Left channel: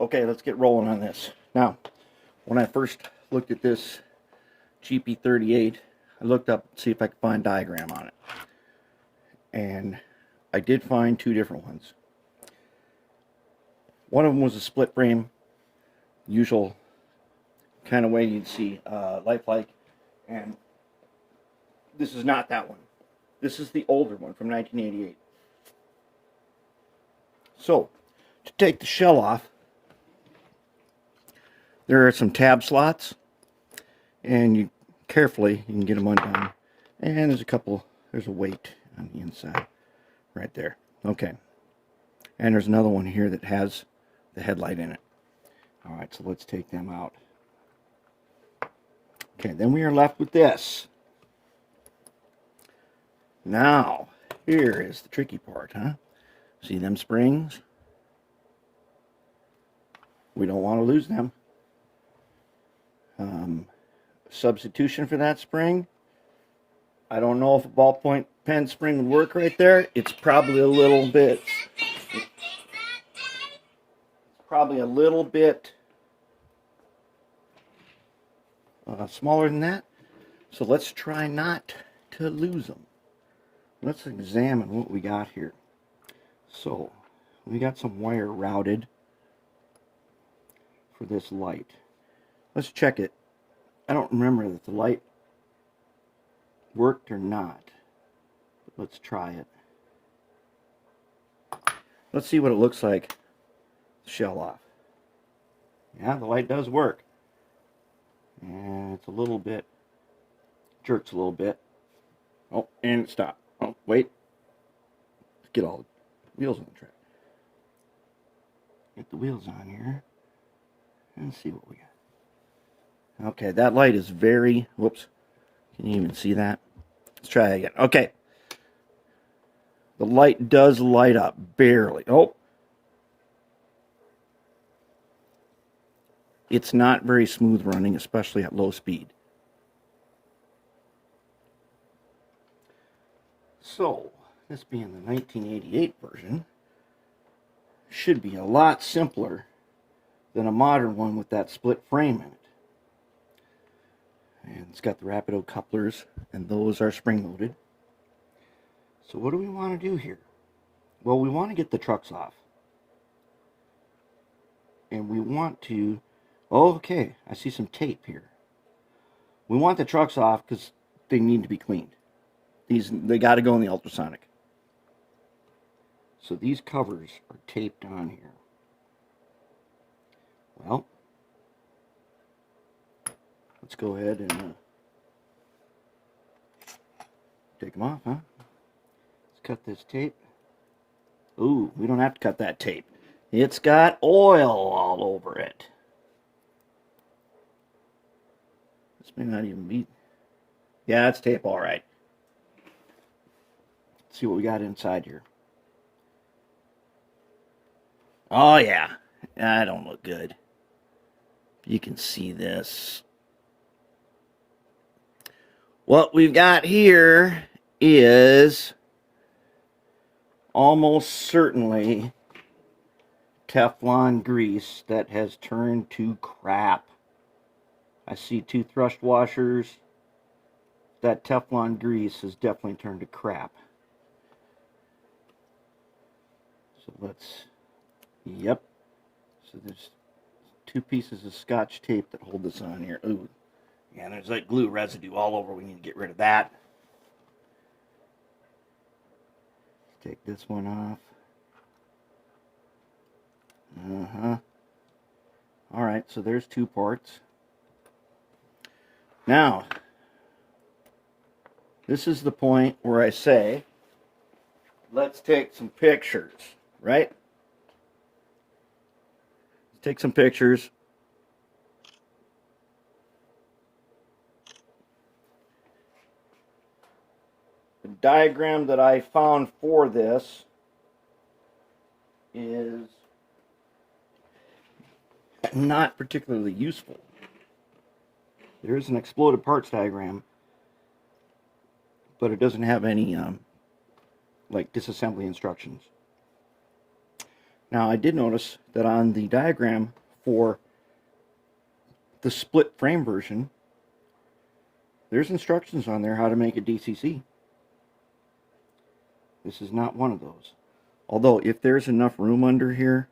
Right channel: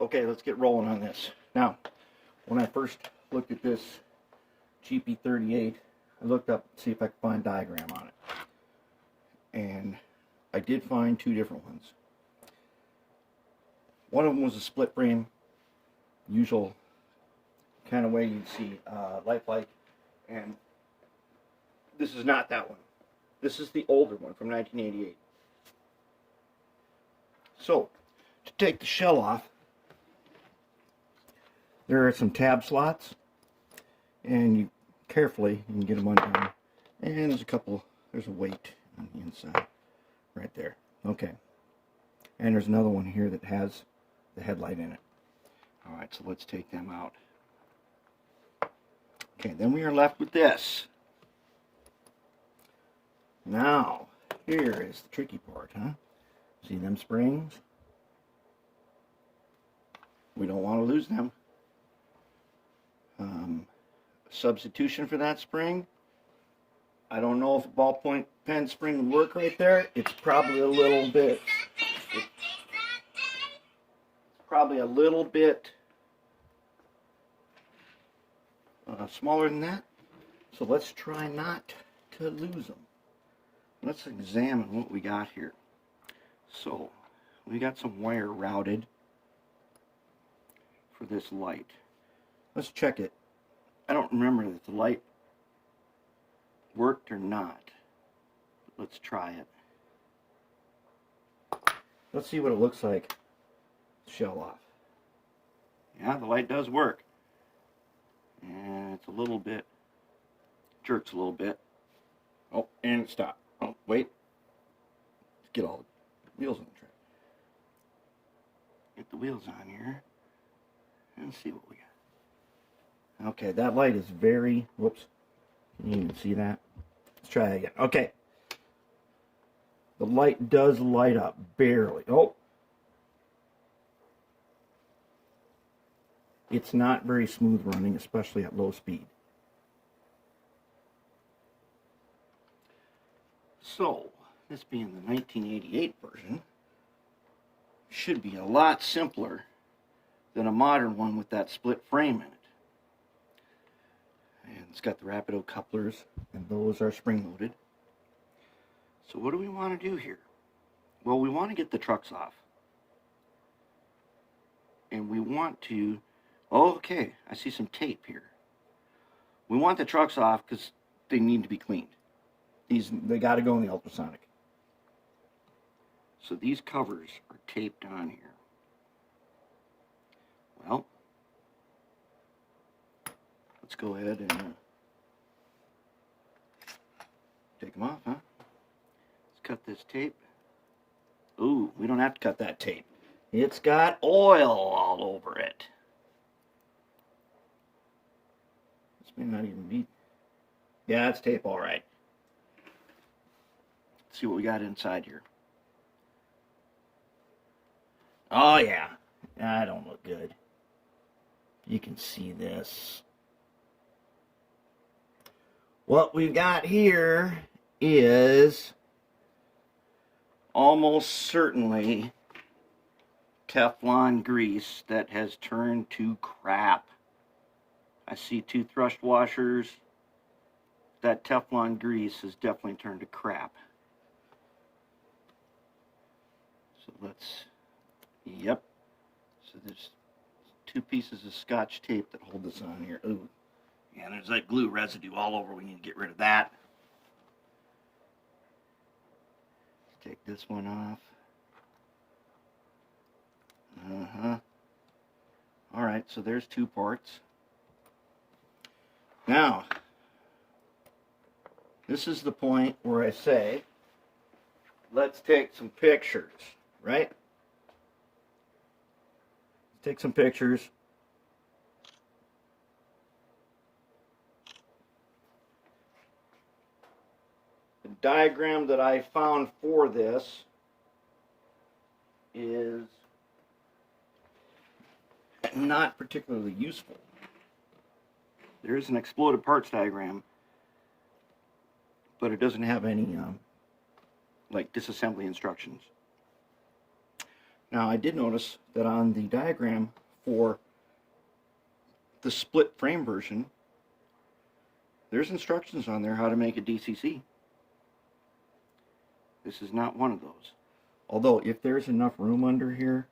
Okay, let's get rolling on this. Now, when I first looked at this GP38, I looked up to see if I could find a diagram on it. And I did find two different ones. One of them was a split frame, usual kind of way you'd see lifelike, and this is not that one. This is the older one from 1988. So, to take the shell off, there are some tab slots, and you carefully you can get them undone. And there's a weight on the inside, right there. Okay. And there's another one here that has the headlight in it. Alright, so let's take them out. Okay, then we are left with this. Now, here is the tricky part, huh? See them springs? We don't want to lose them. Substitution for that spring, I don't know if a ballpoint pen spring would work right there. It's probably a little bit smaller than that. So let's try not to lose them. Let's examine what we got here. So we got some wire routed for this light. Let's check it. I don't remember if the light worked or not. But let's try it. Let's see what it looks like. Shell off. Yeah, the light does work. And it's a little bit, jerks a little bit. Oh, and it stopped. Oh, wait. Let's get all the wheels on the track. Get the wheels on here. And see what we got. Okay, that light is very, whoops. Can you even see that? Let's try it again. Okay. The light does light up, barely. Oh. It's not very smooth running, especially at low speed. So, this being the 1988 version, should be a lot simpler than a modern one with that split frame in it. And it's got the rapido couplers, and those are spring-loaded. So what do we want to do here? Well, we want to get the trucks off. And we want to... Oh, okay, I see some tape here. We want the trucks off because they need to be cleaned. They got to go in the ultrasonic. So these covers are taped on here. Well, let's go ahead and take them off, huh? Let's cut this tape. Ooh, we don't have to cut that tape. It's got oil all over it. This may not even be... Yeah, it's tape all right. Let's see what we got inside here. Oh, yeah. That don't look good. You can see this. What we've got here is almost certainly Teflon grease that has turned to crap. I see two thrust washers. That Teflon grease has definitely turned to crap. So let's... Yep. So there's two pieces of Scotch tape that hold this on here. Ooh. Yeah, there's like glue residue all over. We need to get rid of that. Take this one off. Alright, so there's two parts. Now, this is the point where I say, let's take some pictures, right? Take some pictures. The diagram that I found for this is not particularly useful. There is an exploded parts diagram, but it doesn't have any like disassembly instructions. Now, I did notice that on the diagram for the split frame version, there's instructions on there how to make a DCC. This is not one of those. Although, if there's enough room under here,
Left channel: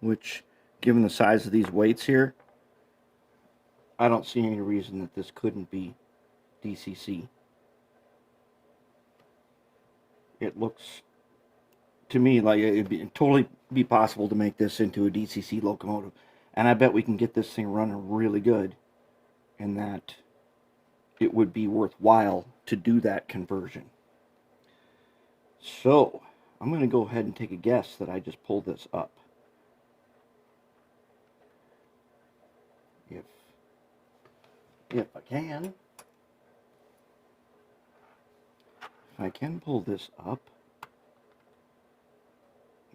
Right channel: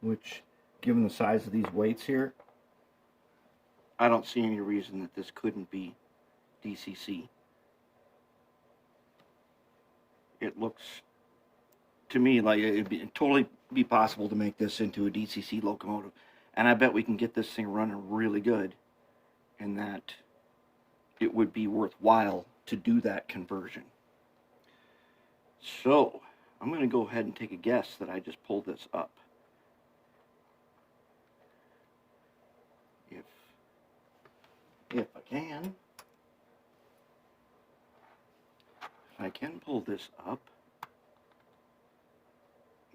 which, given the size of these weights here, I don't see any reason that this couldn't be DCC. It looks, to me, like it'd totally be possible to make this into a DCC locomotive. And I bet we can get this thing running really good, and that it would be worthwhile to do that conversion. So, I'm going to go ahead and take a guess that I just pulled this up. If I can. If I can pull this up.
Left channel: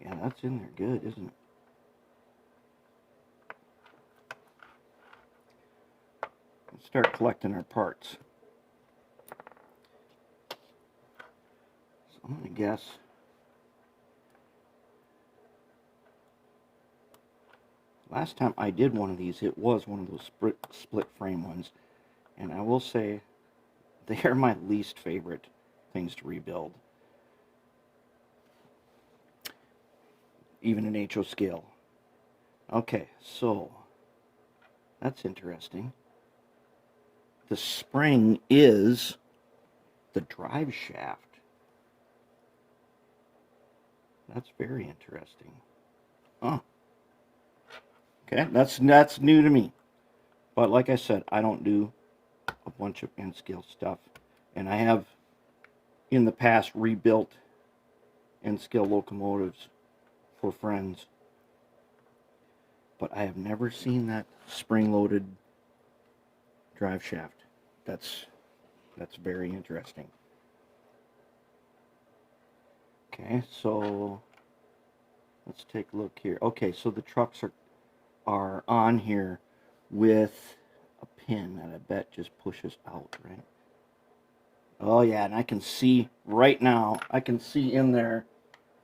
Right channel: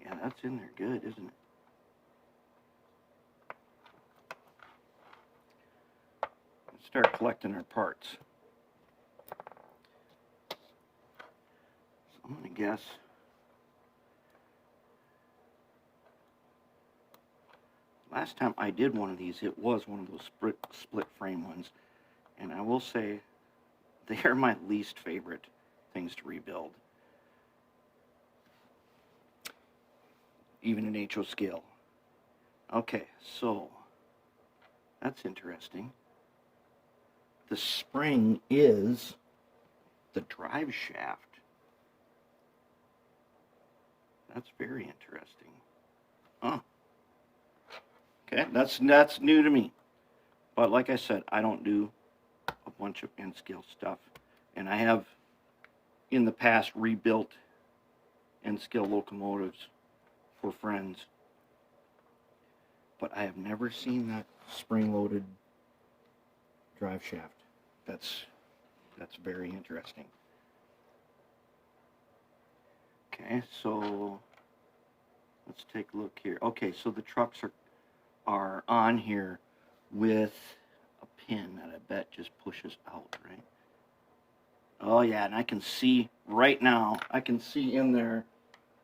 Yeah, that's in there good, isn't it? Let's start collecting our parts. So I'm going to guess last time I did one of these, it was one of those split frame ones. And I will say, they're my least favorite things to rebuild. Even an HO scale. Okay, so, that's interesting. The spring is the drive shaft. That's very interesting. Oh. Okay, that's new to me. But like I said, I don't do a bunch of N-scale stuff. And I have, in the past, rebuilt N-scale locomotives for friends. But I have never seen that spring-loaded drive shaft. That's very interesting. Okay, so let's take a look here. Okay, so the trucks are on here with a pin that I bet just pushes out, right? Oh yeah, and I can see right now, I can see in there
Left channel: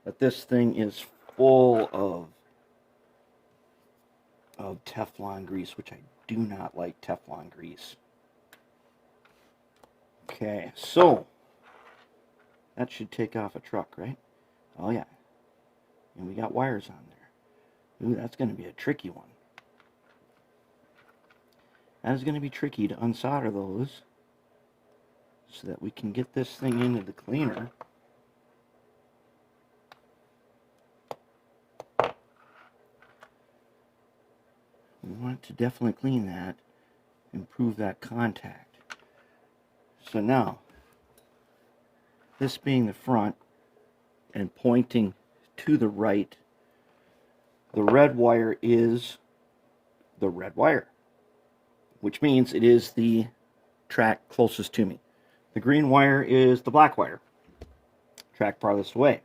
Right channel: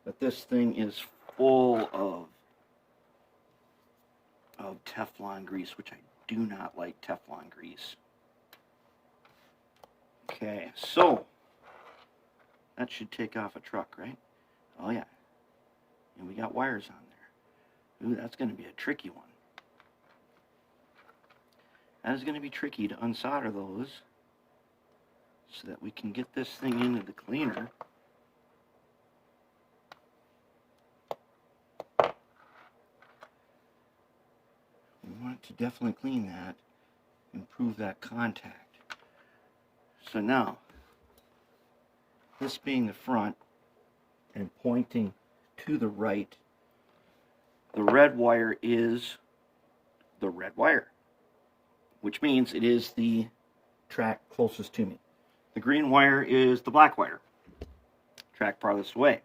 that this thing is full of Teflon grease, which I do not like Teflon grease. Okay, so that should take off a truck, right? Oh yeah. And we got wires on there. Ooh, that's going to be a tricky one. That is going to be tricky to unsolder those so that we can get this thing into the cleaner. We want to definitely clean that, improve that contact. So now, this being the front and pointing to the right, the red wire is the red wire, which means it is the track closest to me. The green wire is the black wire, track farthest away.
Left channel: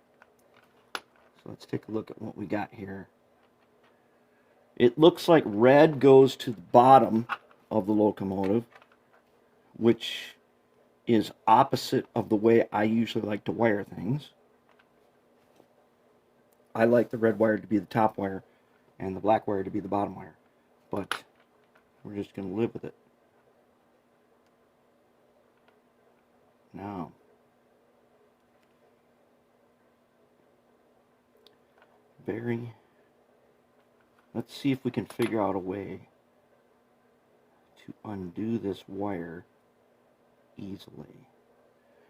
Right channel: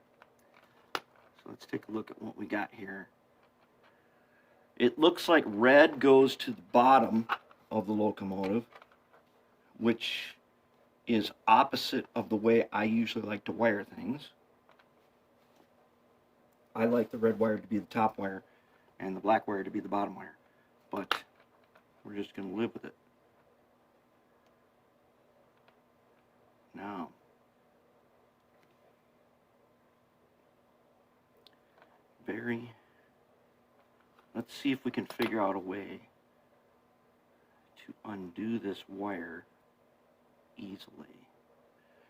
So let's take a look at what we got here. It looks like red goes to the bottom of the locomotive, which is opposite of the way I usually like to wire things. I like the red wire to be the top wire and the black wire to be the bottom wire, but we're just going to live with it. Now, let's see if we can figure out a way to undo this wire easily.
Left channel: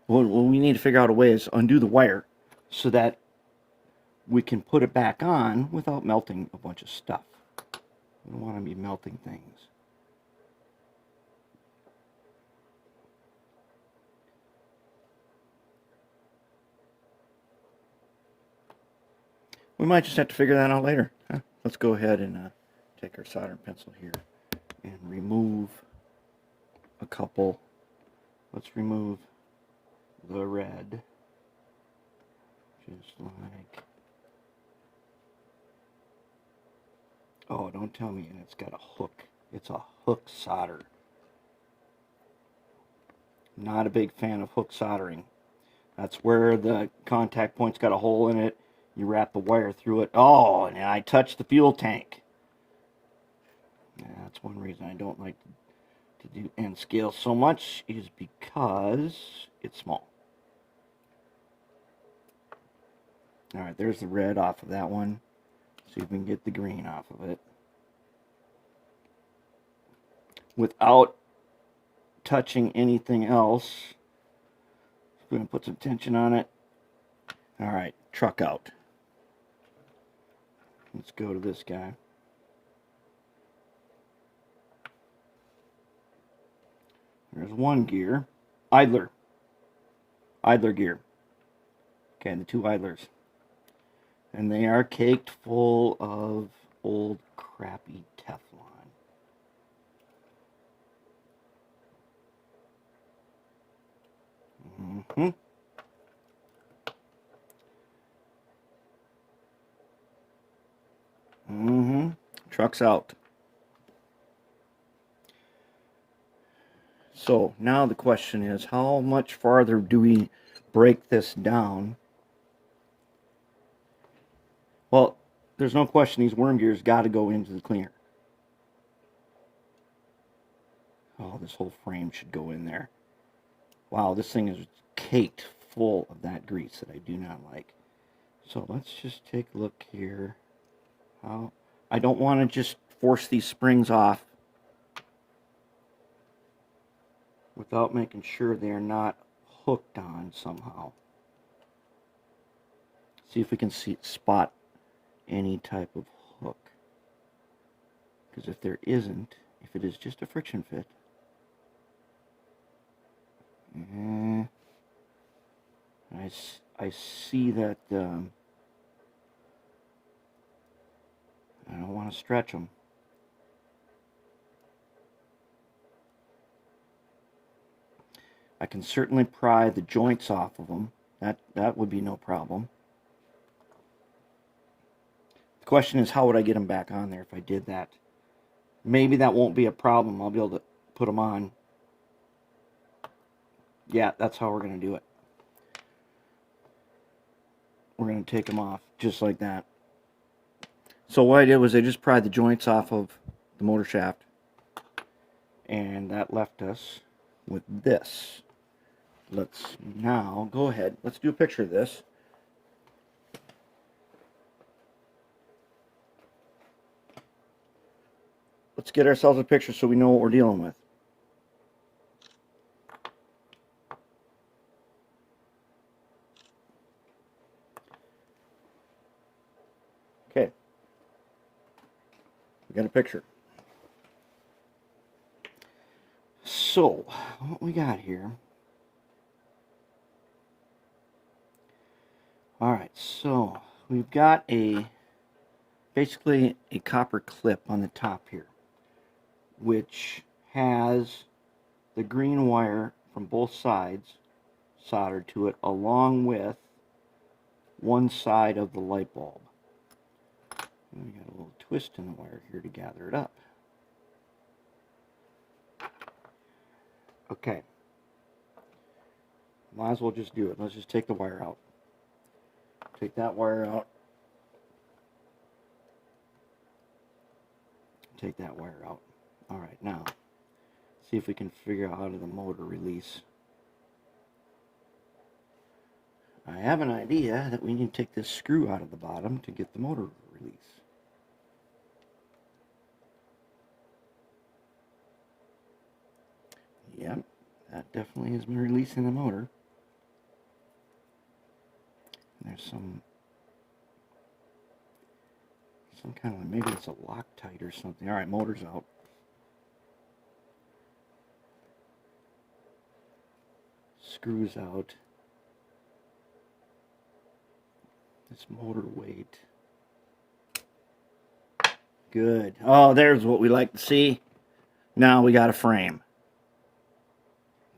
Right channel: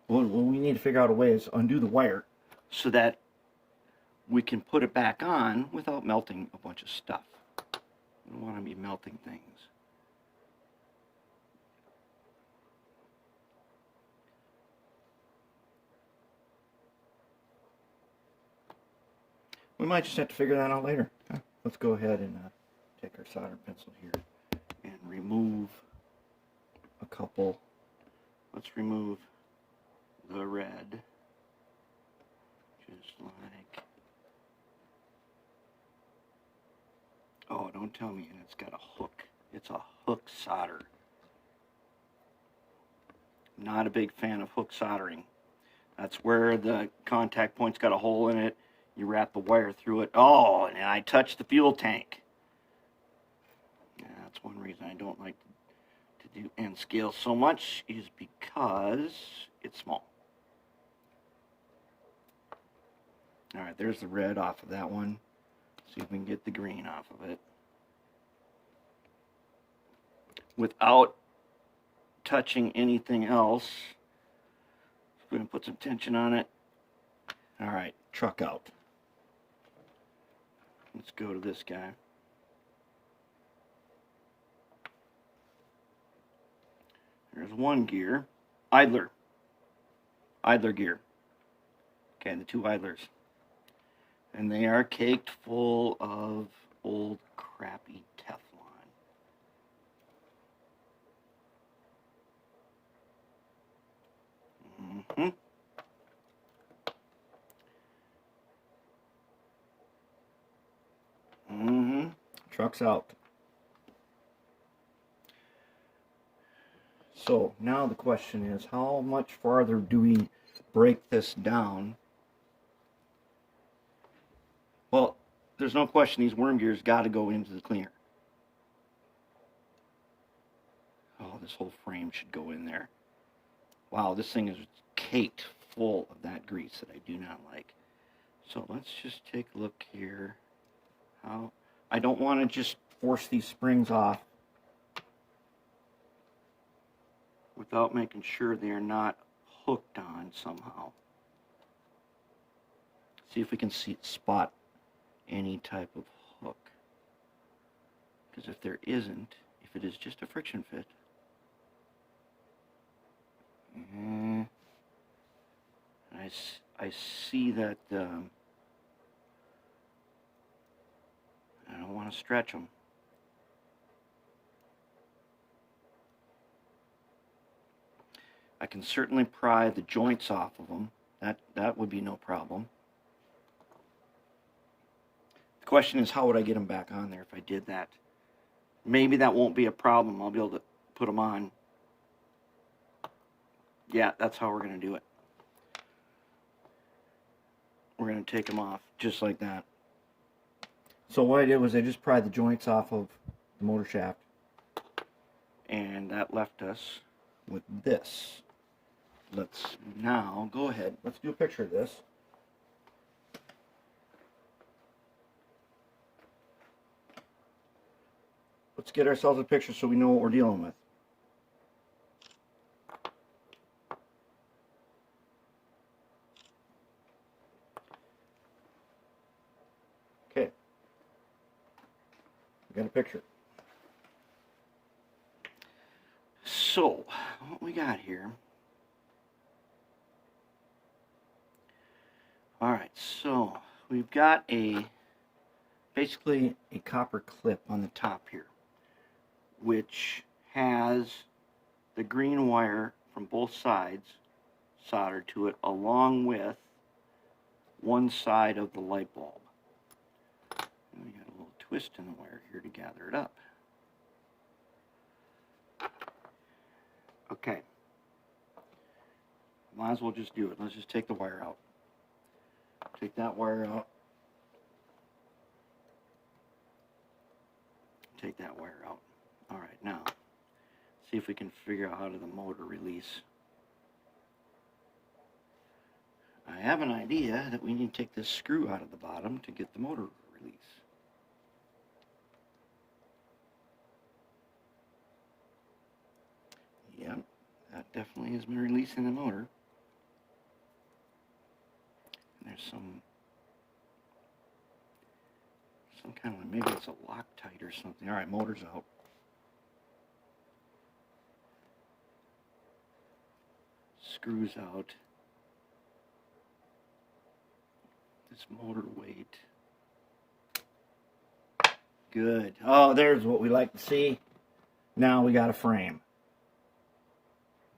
What we need to figure out a way is undo the wire so that we can put it back on without melting a bunch of stuff. We don't want to be melting things. We might just have to figure that out later. Let's go ahead and take our soldering pencil here and remove a couple. Let's remove the red. Just like, oh, don't tell me it's got a hook. It's a hook solder. Not a big fan of hook soldering. That's where the contact point's got a hole in it, You wrap the wire through it. Oh, and I touched the fuel tank. Yeah, that's one reason I don't like to do end scale so much, is because it's small. Alright, there's the red off of that one. See if we can get the green off of it without touching anything else. We're going to put some tension on it. Alright, truck out. Let's go to this guy. There's one gear. Idler gear. Okay, the two idlers. And they are caked full of old crappy Teflon. Truck's out. So now the question is, how much farther do we break this down? Well, there's no question these worm gears got to go into the cleaner. Oh, this whole frame should go in there. Wow, this thing is caked full of that grease that I do not like. So let's just take a look here. I don't want to just force these springs off without making sure they're not hooked on somehow. See if we can spot any type of hook. Because if there isn't, if it is just a friction fit, I see that I don't want to stretch them. I can certainly pry the joints off of them. That would be no problem. The question is, how would I get them back on there if I did that? Maybe that won't be a problem. I'll be able to put them on. Yeah, that's how we're going to do it. We're going to take them off just like that. So what I did was I just pried the joints off of the motor shaft, and that left us with this. Let's now go ahead. Let's do a picture of this. Let's get ourselves a picture so we know what we're dealing with. Okay. We got a picture. So, what we got here. Alright, so we've got basically a copper clip on the top here, which has the green wire from both sides soldered to it, along with one side of the light bulb. And we got a little twist in the wire here to gather it up. Okay. Might as well just do it. Let's just take the wire out. Take that wire out. Take that wire out. Alright, now, see if we can figure out how to the motor release. I have an idea that we need to take this screw out of the bottom to get the motor release. Yep, that definitely is releasing the motor. There's some kind of, maybe it's a Loctite or something. Alright, motor's out. Screws out. This motor weight. Good. Oh, there's what we like to see. Now we got a frame.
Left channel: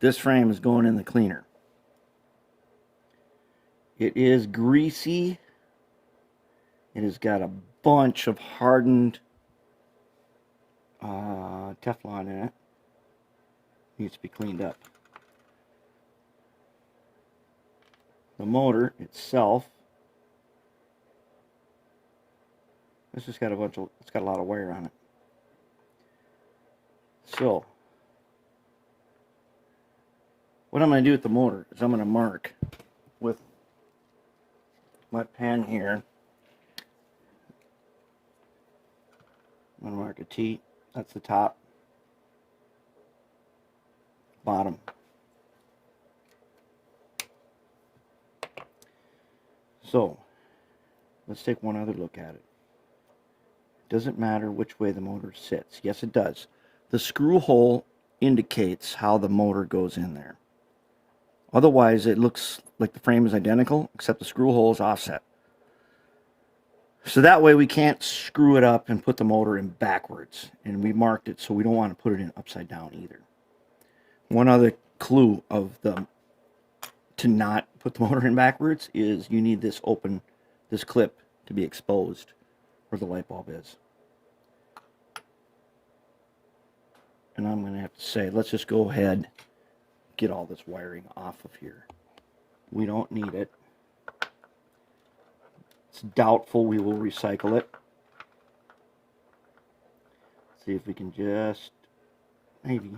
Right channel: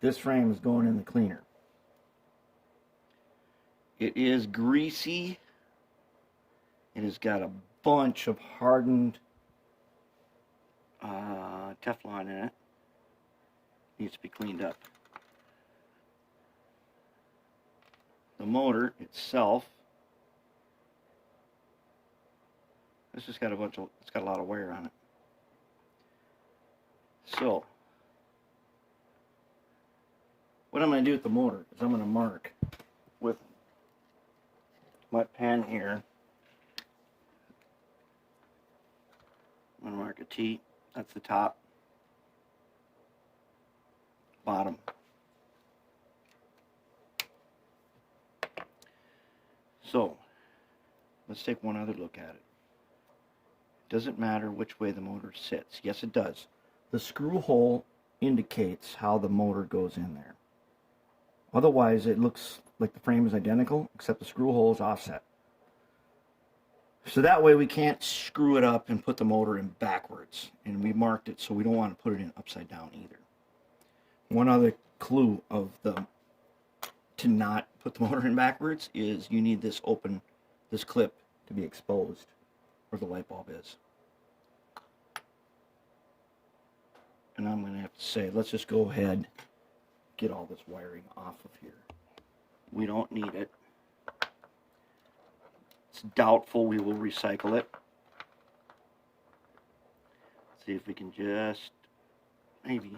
This frame is going in the cleaner. It is greasy. It has got a bunch of hardened Teflon in it. Needs to be cleaned up. The motor itself This has got it's got a lot of wire on it. So, what I'm going to do with the motor is I'm going to mark with my pen here. I'm going to mark a T. That's the top, bottom. So, let's take one other look at it. Doesn't matter which way the motor sits. Yes, it does. The screw hole indicates how the motor goes in there. Otherwise, it looks like the frame is identical, except the screw hole is offset. So that way we can't screw it up and put the motor in backwards. And we marked it, so we don't want to put it in upside down either. One other clue of to not put the motor in backwards is you need this clip to be exposed where the light bulb is. And I'm going to have to say, let's just go ahead, get all this wiring off of here. We don't need it. It's doubtful we will recycle it. Let's see if we can just, maybe.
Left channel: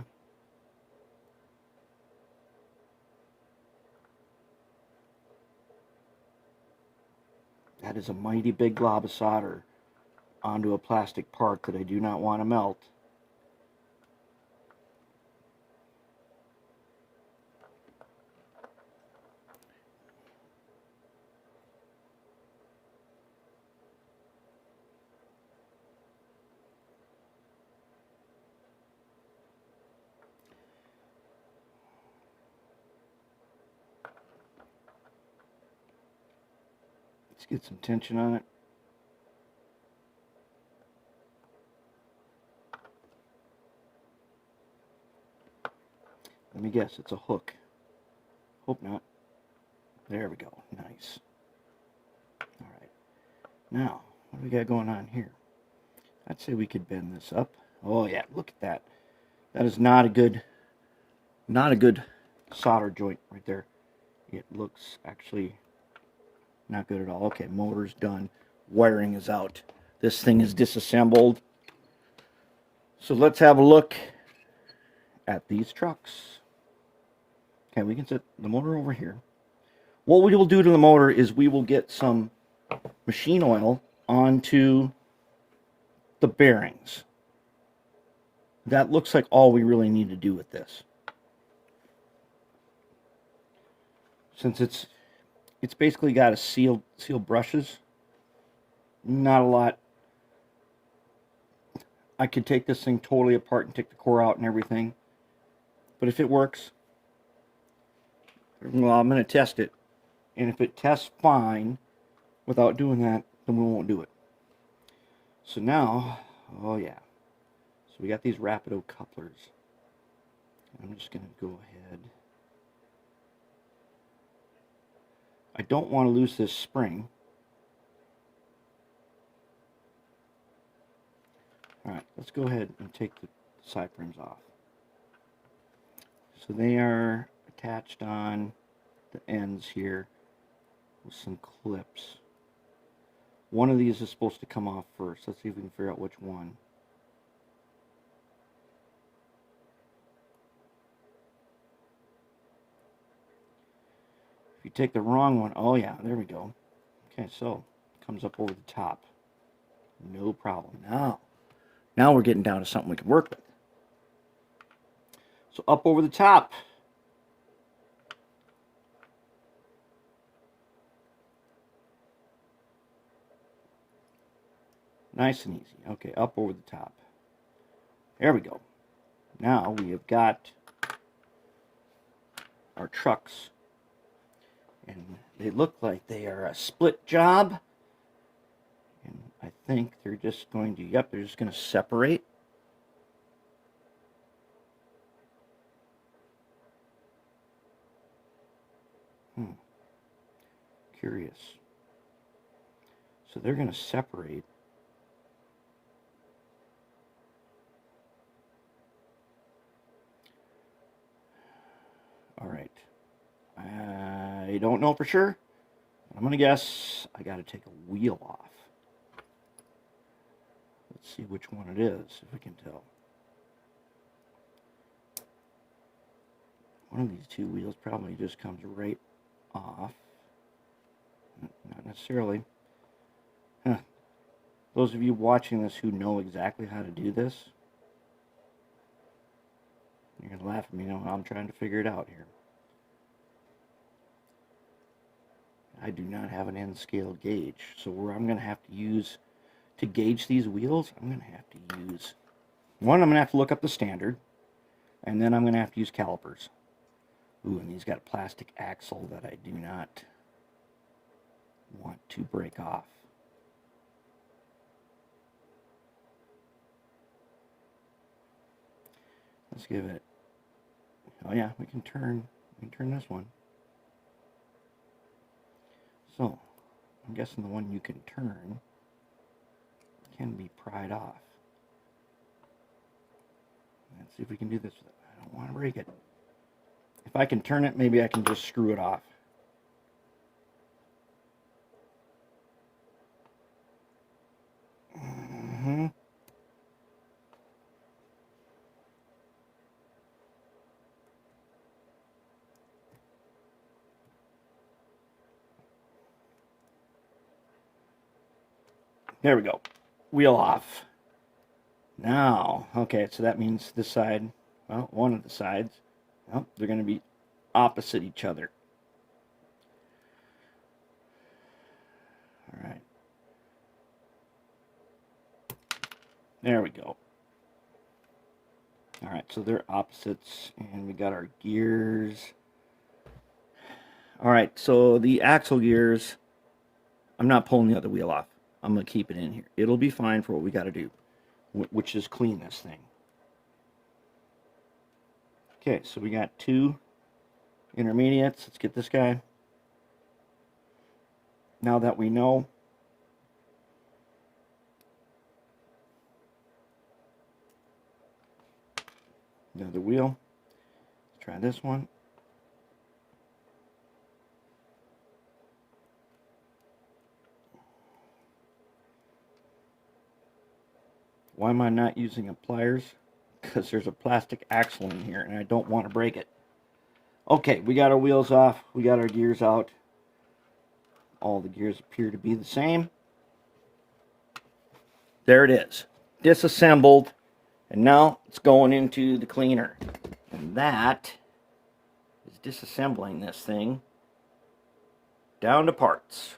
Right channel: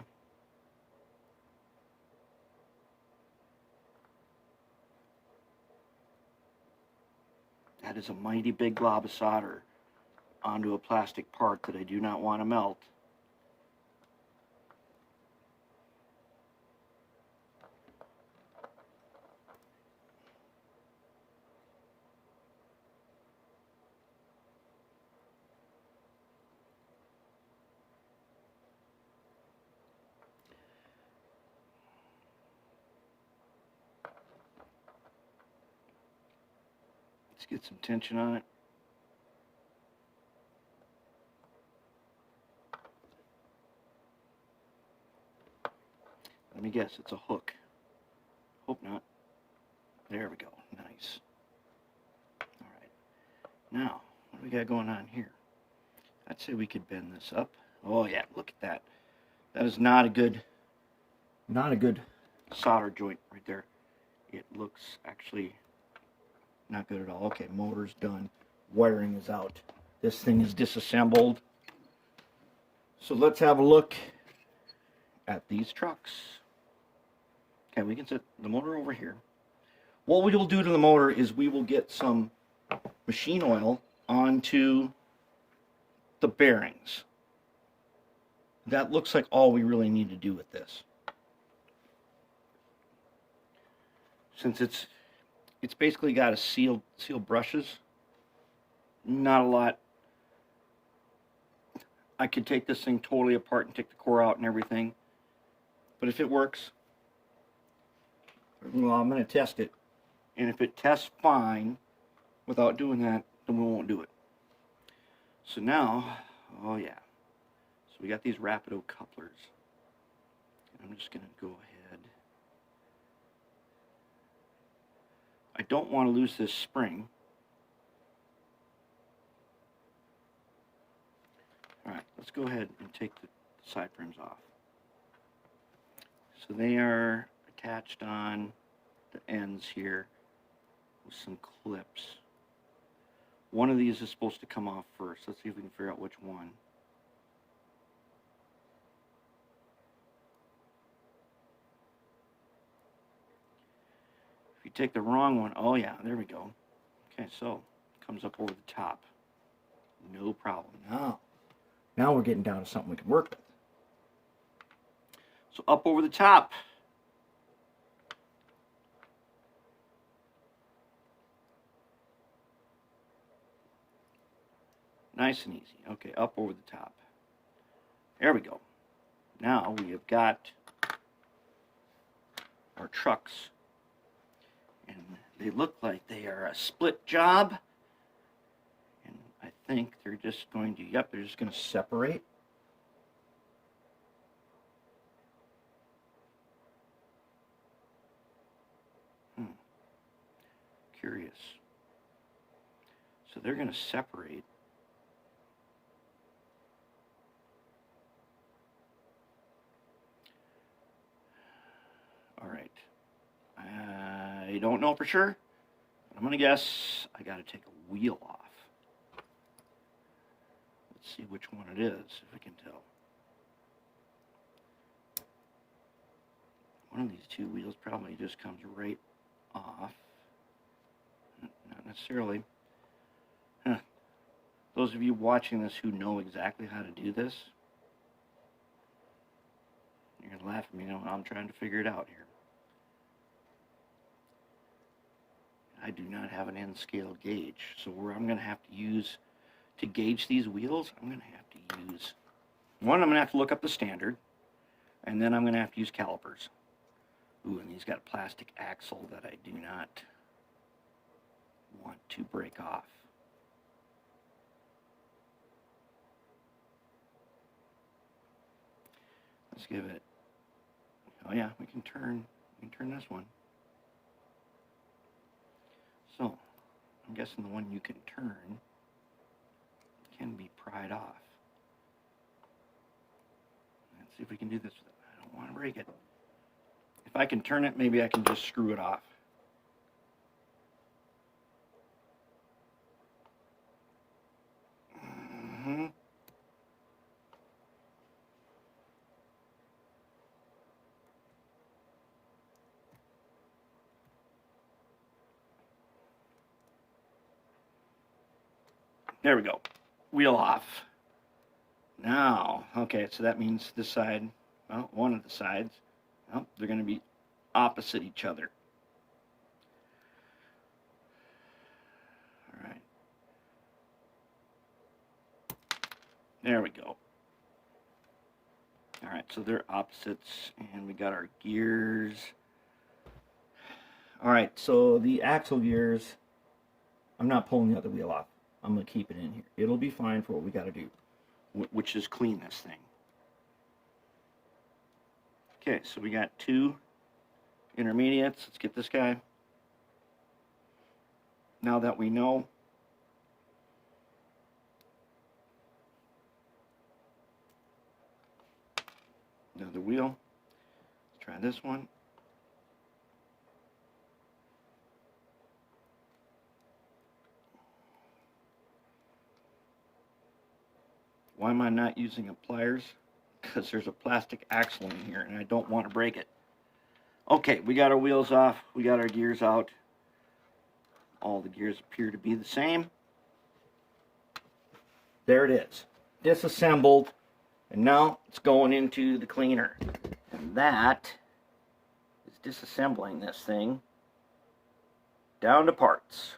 That is a mighty big glob of solder onto a plastic part that I do not want to melt. Let's get some tension on it. Let me guess, it's a hook. Hope not. There we go. Nice. Alright. Now, what do we got going on here? I'd say we could bend this up. Oh yeah, look at that. That is not a good solder joint right there. It looks actually not good at all. Okay, motor's done. Wiring is out. This thing is disassembled. So let's have a look at these trucks. Okay, we can set the motor over here. What we will do to the motor is we will get some machine oil onto the bearings. That looks like all we really need to do with this. Since it's basically got a sealed brushes, not a lot. I could take this thing totally apart and take the core out and everything. But if it works, well, I'm going to test it. And if it tests fine without doing that, then we won't do it. So now, oh yeah. So we got these Rapido couplers. I'm just going to go ahead. I don't want to lose this spring. Alright, let's go ahead and take the side frames off. So they are attached on the ends here with some clips. One of these is supposed to come off first. Let's see if we can figure out which one. If you take the wrong one, oh yeah, there we go. Okay, so it comes up over the top. No problem. Now we're getting down to something we can work with. So up over the top. Nice and easy. Okay, up over the top. There we go. Now we have got our trucks. And they look like they are a split job. And I think they're just going to, yep, they're just going to separate. Curious. So they're going to separate. All right. I don't know for sure. I'm going to guess I got to take a wheel off. Let's see which one it is, if we can tell. One of these two wheels probably just comes right off. Not necessarily. Huh. Those of you watching this who know exactly how to do this, you're going to laugh at me when I'm trying to figure it out here. I do not have an end scale gauge, so where I'm going to have to use to gauge these wheels, I'm going to have to use, one, I'm going to have to look up the standard, and then I'm going to have to use calipers. Ooh, and these got a plastic axle that I do not want to break off. Let's give it, oh yeah, we can turn this one. So, I'm guessing the one you can turn can be pried off. Let's see if we can do this. I don't want to break it. If I can turn it, maybe I can just screw it off. There we go. Wheel off. Now, okay, so that means this side, well, one of the sides, well, they're going to be opposite each other. All right. There we go. All right, so they're opposites, and we got our gears. All right, so the axle gears, I'm not pulling the other wheel off. I'm going to keep it in here. It'll be fine for what we got to do, which is clean this thing. Okay, so we got two intermediates. Let's get this guy. Now that we know, another wheel. Let's try this one. Why am I not using a pliers? Because there's a plastic axle in here and I don't want to break it. Okay, we got our wheels off. We got our gears out. All the gears appear to be the same. There it is. Disassembled. And now it's going into the cleaner. And that is disassembling this thing down to parts.